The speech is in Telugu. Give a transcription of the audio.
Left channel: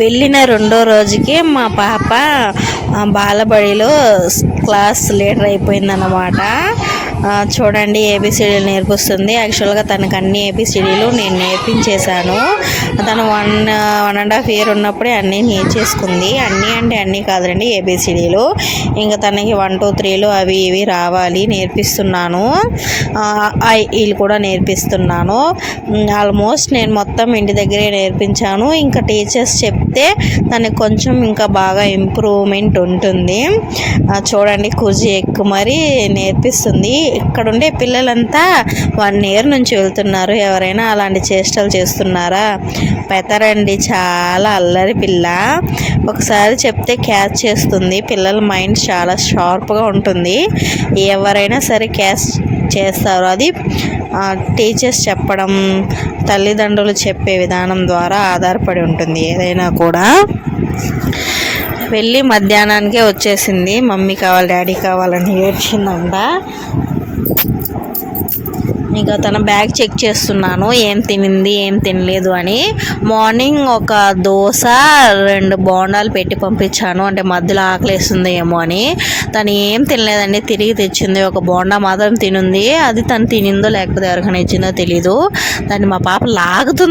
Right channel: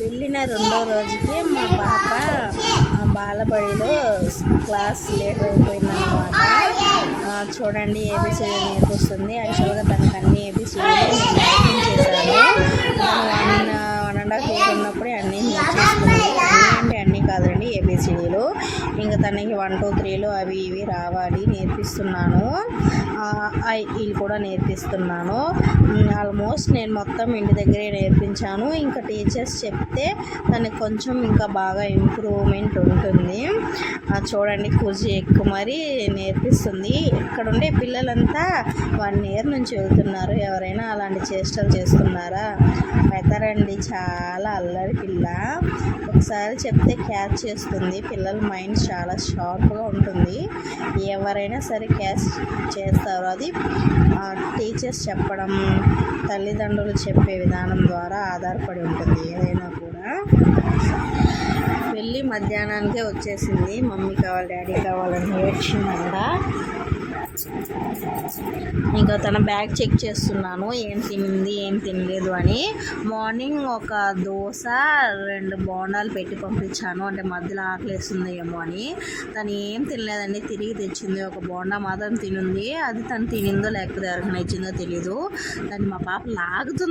వెళ్ళిన రెండో రోజుకి మా పాప బాలబడిలో క్లాస్ లీడర్ అయిపోయిందన్నమాట. చూడండి, ఏబిసిడీలు నేర్పిస్తుంది. యాక్చువల్గా తనకు అన్ని ఏబిసిడీలు నేను నేర్పించేశాను. తను 1.5 year ఉన్నప్పుడే అన్నీ నేర్చేసుకుంది. అన్నీ అంటే అన్నీ కాదండి, ఏబిసిడీలు. ఇంకా తనకి 1 2 3 అవి ఇవి రావాలి, నేర్పిస్తున్నాను. వీళ్ళు కూడా నేర్పిస్తున్నాను. ఆల్మోస్ట్ నేను మొత్తం ఇంటి దగ్గరే నేర్పించాను. ఇంకా టీచర్స్ చెప్తే తనకు కొంచెం ఇంకా బాగా ఇంప్రూవ్మెంట్ ఉంటుంది. చూడండి, కుర్జీ ఎక్కువ మరి నేర్పిస్తుంది. ఇక్కడ ఉండే పిల్లలంతా 1 year నుంచి వెళ్తున్నారు. ఎవరైనా అలాంటి చేష్టలు చేస్తున్నారా? పెతరండి, చాలా అల్లరి పిల్ల. ఒకసారి చెప్తే క్యాచ్ చేస్తుంది. పిల్లల మైండ్ చాలా షార్ప్గా ఉంటుంది. ఎవరైనా సరే క్యాచ్ చేస్తారు. అది టీచర్స్ చెప్పడం, తల్లిదండ్రులు చెప్పే విధానం ద్వారా ఆధారపడి ఉంటుంది ఏదైనా కూడా. వెళ్ళి మధ్యాహ్నానికే వచ్చేసింది. మమ్మీ కావాలి, డాడీ కావాలని ఏడ్చిందంట. ఇంకా తన బ్యాగ్ చెక్ చేస్తున్నాను, ఏం తినింది ఏం తినలేదు అని. మార్నింగ్ ఒక దోశ 2 బోండాలు పెట్టి పంపించాను, అంటే మధ్యలో ఆకలేస్తుంది ఏమో అని. తను ఏం తినలేదండి, తిరిగి తెచ్చింది. ఒక బోండా మాత్రం తినుంది. అది తను తినిందో లేకపోతే ఎవరికైనా ఇచ్చిందో తెలీదు. దాన్ని మా పాప లాగుతుంది.